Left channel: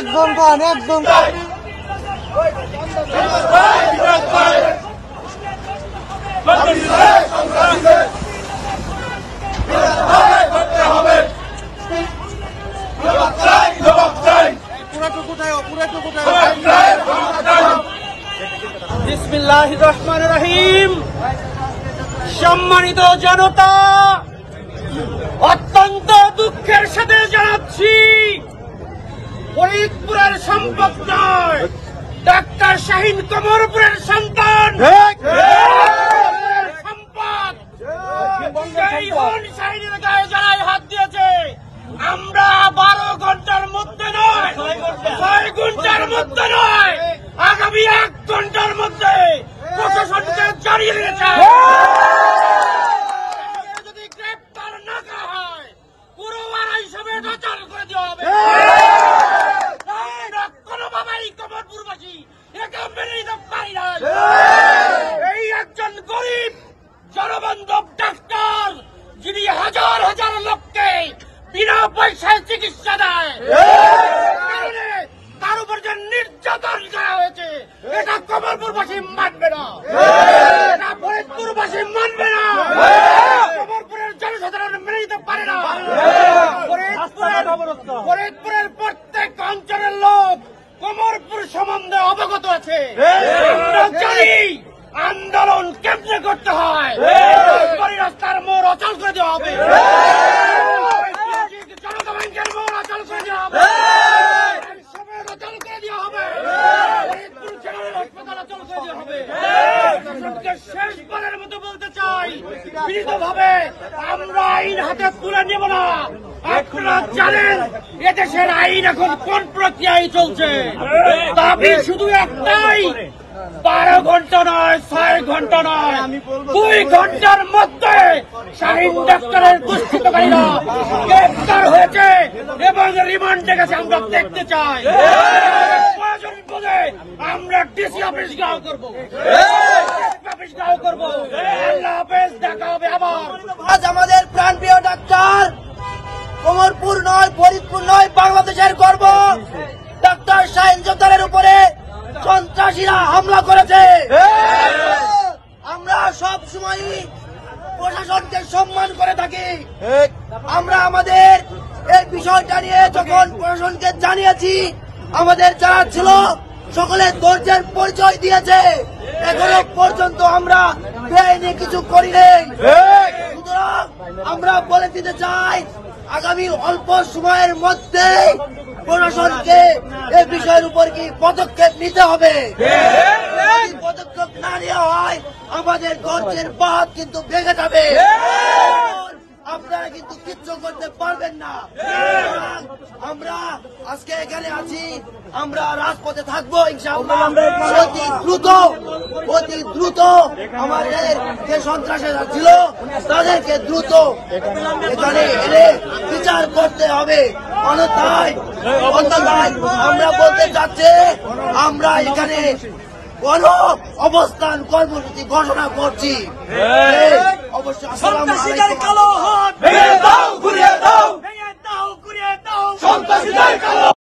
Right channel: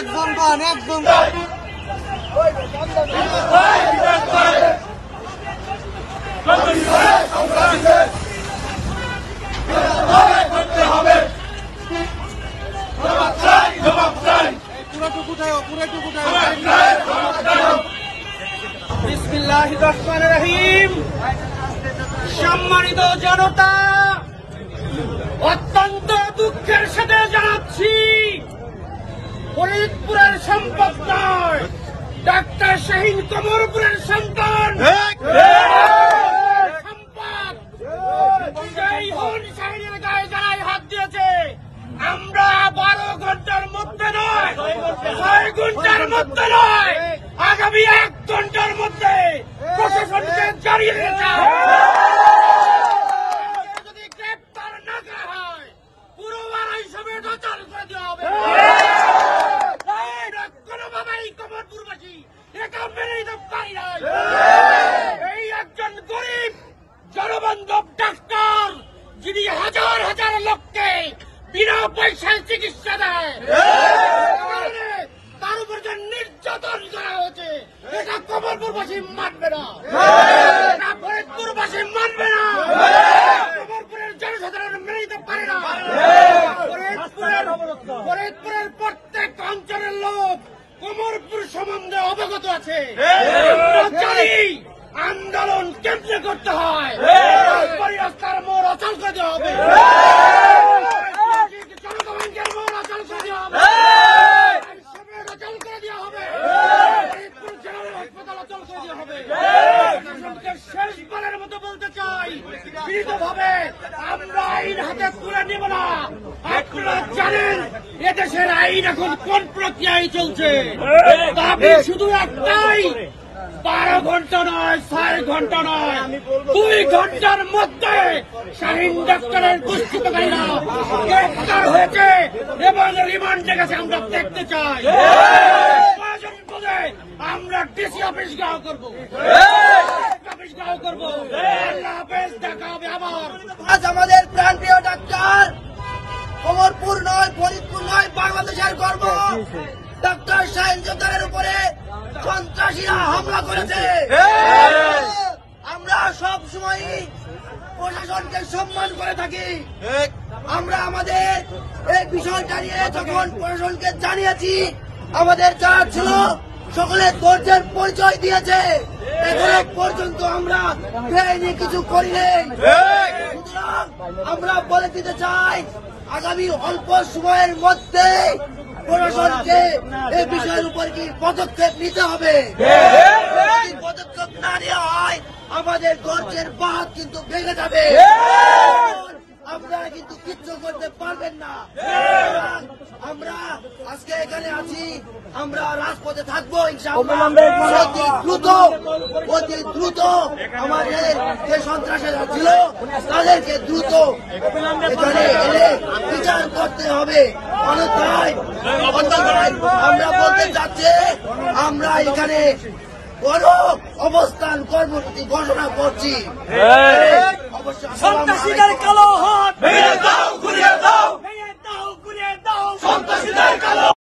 একজন বিসমিল্লাহির রহমানির রহিম। সম্মানিত জনতা, অত্যন্ত দুঃখের সাথে জানাচ্ছি, ফরিদপুরের সম্পদ নয়, ডাক্তার শাহীন কমরপুরের সন্তান সম্পদ সেই হন শাহীনের গায়ে যারাই হাত দিয়েছে, আমরা 12 ঘন্টার মধ্যে নয়, 6 ঘন্টার মধ্যে নয়, আগামী 1 ঘন্টার মধ্যে প্রশাসনকে জানিয়ে দিতে চাই। যদি গ্রেপ্তার না করা হয়, পুরো হিসাবে অচল করে দেওয়া হবে। কোনোভাবেই কমরপুরবাসী এটা মেনে নিতে পারি না। এই একজন গরিব জনবান্ধব ডাক্তার, যিনি হাজার হাজার লোককে বিনা পয়সায় চিকিৎসা দেয়, তার উপর যে নির্যাতন করা হয়েছে, এটা কমরপুরবাসী মানবে না, ফরিদপুরবাসী মানবে না, কমরপুরের জনসাধারণ মেনে নিতে পারে না। ফরিদপুরের প্রত্যেক অঞ্চলের লোক কমরপুর সম্বন্ধে অবগত আছে। আমরা জানি আন্দোলন কেমনে করতে হয়, রাস্তার মোড় অচল করে দেওয়া হবে, জনতা ব্যাংকের মোড় অচল করে দেওয়া হবে, অচল করে দেওয়া হবে, জেনারেল হাসপাতাল অচল করে দেওয়া হবে। শেষবারের মতো বলতে চাই, দৃঢ়ভাবে আমরা আইন হাতে তুলে নেব না। আপনারা জানেন এদেশের আইন এখন কোন প্রক্রিয়ায় চলছে। দাবি শুধু একটাই, 12 ঘন্টা নয়, 6 ঘন্টা নয়, 2 ঘন্টার মধ্যে শাহীন ডাক্তারের দুষ্কৃতকারীরা গ্রেপ্তার হয়েছে এবং রিমান্ডে গেছে আমরা দেখতে চাই। প্রয়োজন বলে আমরা ডিসি অফিস ঘেরাও করবো, অফিস ঘেরাও করবো। আল্লাহ হাফেজ, দেখা হবে আবার। আজ আমাদের প্রাণপ্রিয় ডাক্তার কমরপুর নয়, ফরিদপুর নয়, বাংলাদেশের গর্ব ডাক্তার শাহীন জোতারের উপরে সন্ত্রাসীরা হামলা করেছে। আমরা সব সময় প্রশাসনকে সম্মান করে থাকি। আমরা আমাদের এই বিষয়টা নিয়ে যখন প্রশাসনকে জানিয়েছি, আমাদের যারা ছিল সকলে ধৈর্যের পরিচয় দিয়েছে। এখনো পর্যন্ত আমরা বেআইনি কিছু করি নাই। সুতরাং আমরা বলে দিতে চাই, আগামী অল্প সময়ের মধ্যে প্রশাসনকে এই বিষয়ের উপর কি পদক্ষেপ নিতে হবে। পদক্ষেপ না নেওয়া হয়, আমাদের গর্জের বাঁধ কিন্তু ভেঙে যাবে, আপনারা কিন্তু কিচ্ছু করতে পারবেন না। আমরা আজকে এখানে আছি, আমরা রাজপথে থাকবো ইনশাআল্লাহ। অতি দ্রুত আমাদের যে সন্ত্রাসীরা ছিল তাদেরকে দ্রুত এখানে এনে বিচার করতে হবে। অন্যথায় আমরা বলতে চাচ্ছি, আমরা এখানে কোন অবস্থান কর্মসূচি ঘোষণা করছি। অবশ্যই আসসালামু আলাইকুম।